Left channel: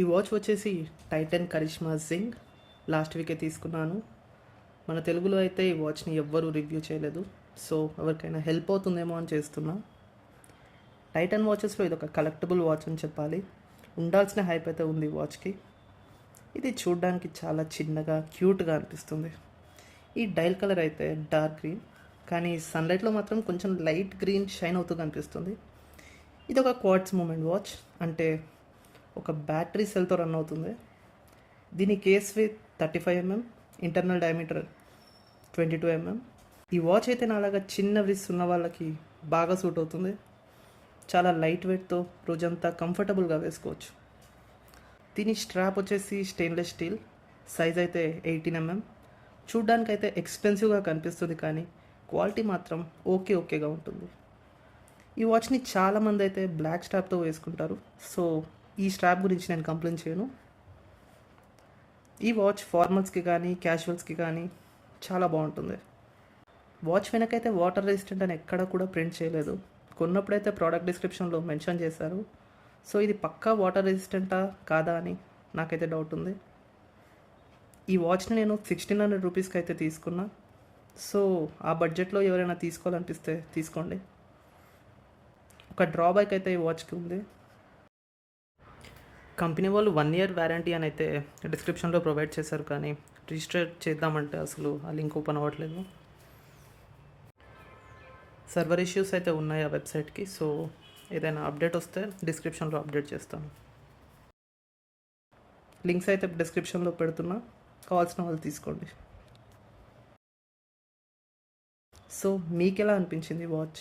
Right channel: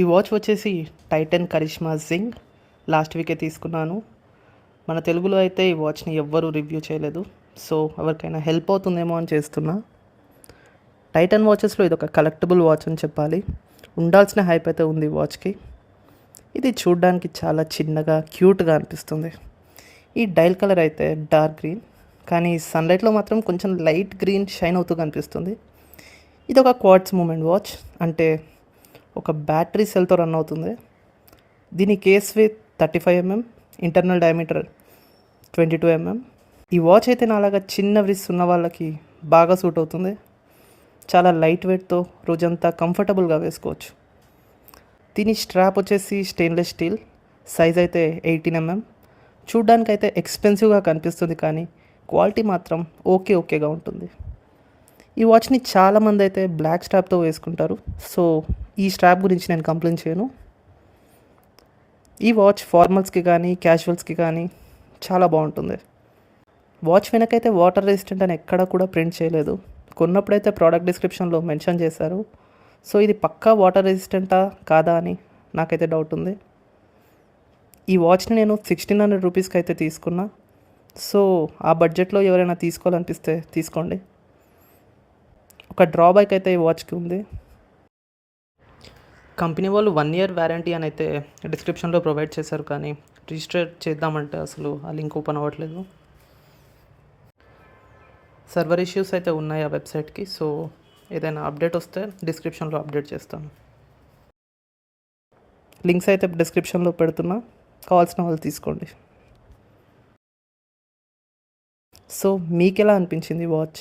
ఈ వాచ్ వచ్చేసి టైటన్ కరిష్మా జింగ్. లాస్ట్ వీకే తీసుకున్నాను. మన తెలుగులో అయితే ఈ వాచ్ని ఎవ్వరూ రివ్యూ చేయలేదు. సో ఎవరికైనా హెల్ప్ అవుతుందేమో అని చేస్తున్నా. టైటన్ వాచెస్లో ఇది ఒక కలెక్టబుల్ వాచ్ అని చెప్పాలి. ఉండాల్సిన హైప్ అయితే ఉంది ఈ వాచ్కి. ఇది చూడ్డానికి చాలా చిన్నగా క్యూట్గా అనిపిస్తుంది. ఈ డైల్ కలర్ అయితే డార్క్ గ్రీన్, కానీ సన్లైట్లో మాత్రం కొంచెం లైట్ గ్రీన్ షైన్ అవుతూ కనిపిస్తుంది. ఇది ఒక క్వార్ట్స్ మూమెంట్ వాచ్, అంటే ఒక బ్యాటరీ సెల్తో రన్ అవుతుంది. దీని case with 35 mm, internal diameter 22 mm. ఈ వాచ్ అయితే నాలాగా చిన్న వ్రిస్ట్ ఉన్న వాళ్ళకి బాగా సూట్ అవుతుంది. చాలా లైట్ వెయిట్తో రోజంతా కంఫర్టబుల్గా వేసుకోవచ్చు. దీని స్ట్రాప్ వచ్చేసి స్టెయిన్లెస్ స్టీల్, సైజ్ అయితే 18 mm. చూడ్డానికైతే ఎక్స్పెన్సివ్గా కనిపిస్తుంది, కానీ క్వాలిటీ మాత్రం ఓకేగా ఉంటుంది. ఈ వాచ్ని చాలామంది అయితే బ్లాక్ స్ట్రాప్తో వేసుకుంటారు. సో ఈ స్ట్రాప్ గురించి నేను కంప్లైంట్ చేయను. ఈ వాచ్ ఫార్మల్స్కి కానీ క్యాజువల్స్కి కానీ చాలా బాగుంటుంది. వాచ్ వెనకైతే వాటర్ రెసిస్టెంట్ అని ఎక్కడ కూడా ప్రింట్ చేయలేదు. కొన్నప్పుడైతే ప్రోడక్ట్ డిస్క్రిప్షన్లో మెన్షన్ చేశారు. సో ఇది పక్కా వాటర్ రెసిస్టెంటా కాదా అని నాకైతే డౌట్ ఉంది. ఈ వాచ్ని నేను 1600 రూపీస్కి అయితే తీసుకున్నా. సో ఆ బడ్జెట్లో ఎవరైనా తీసుకోవాలనిపిస్తే తీసుకోండి. ఒక డ్రాబ్యాక్ అయితే ఈ వాచ్కి ఉంది. కంపెనీ వాళ్ళు 1 year వారంటీ అని అయితే డిస్క్రిప్షన్లో ప్రొవైడ్ చేశారు, కానీ రిజిస్టర్ చేద్దామంటే అసలు ఆ లింక్ ఓపెన్ అవ్వట్లేదు. సర్వర్ ఇష్యూస్ అయితే ఉన్నాయి ఆ వెబ్సైట్కి. సో ఏదైనా అప్డేట్ వస్తే డిస్క్రిప్షన్లో అప్డేట్ చేస్తాను. లింక్స్ అయితే డిస్క్రిప్షన్లో పెడుతున్నా, కావాల్సిన వాళ్ళు తీసుకోండి. సో మీకు ఎలా అనిపించింది వాచ్?